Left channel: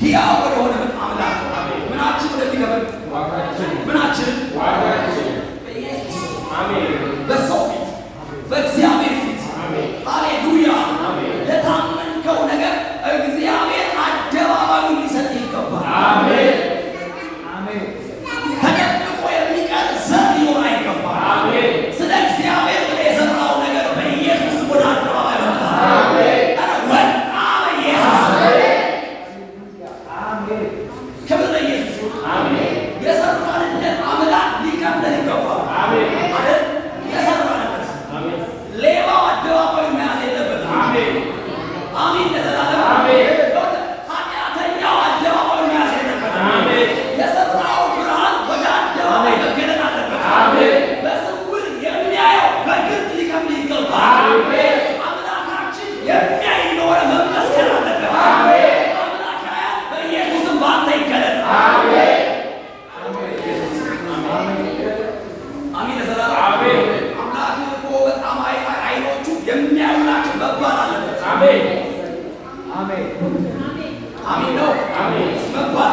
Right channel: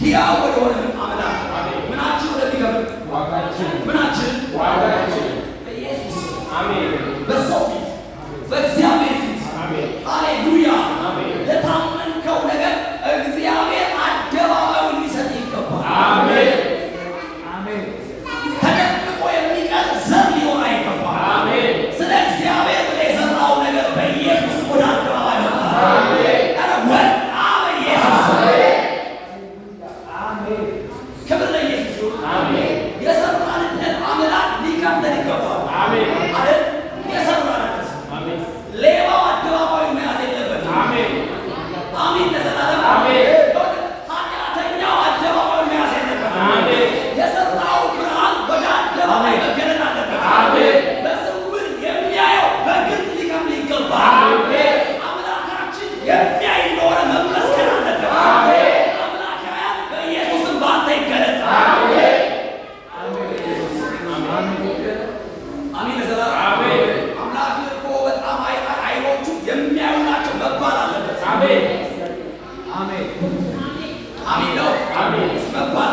ሕያው ወደሆነ አምላክ ምናችን ወደሚከብር ምናችን በኢየሱስ በሰው ፊት በእግዚአብሔር ፊት ሃሌሉያ ለታመንከው ነገር እግዚአብሔር አደባባዩን ሊሰጥ ይገባል። ተደብቆ የሚቀር ዘር ሊኖር አይገባም። ስለ እግዚአብሔር የዘራው ነገር በኢየሱስ ወደ አደባባይ ወጣ። ወጣ በኢየሱስ ክብር ለኢየሱስ ይሁን። የሰራንለት አምላክ ሊከብደን ይገባል አይደል? የሰራንለት ሌባው አደባባዩ መያዝ የለበትም። አሜን ለዘላለም ኃጢአተኛው አደባባዩ መያዝ የለበትም። የሰራው ብርሃን ወደ አደባባይ መገለጥ አለበት። በስውር የሚያየው በግልጥ ሊከብድ ይገባል። አምላካችን የሚያይ እንደሆነ መመስገን አለበት። አምላካያን በኢየሱስም ባንተ ይገለጥ። አሜን ለዘላለም አምላክ እኮ በጣም አይኖቹ የሚያዩ ናቸው መባል አለበት። አሜን ነው መባል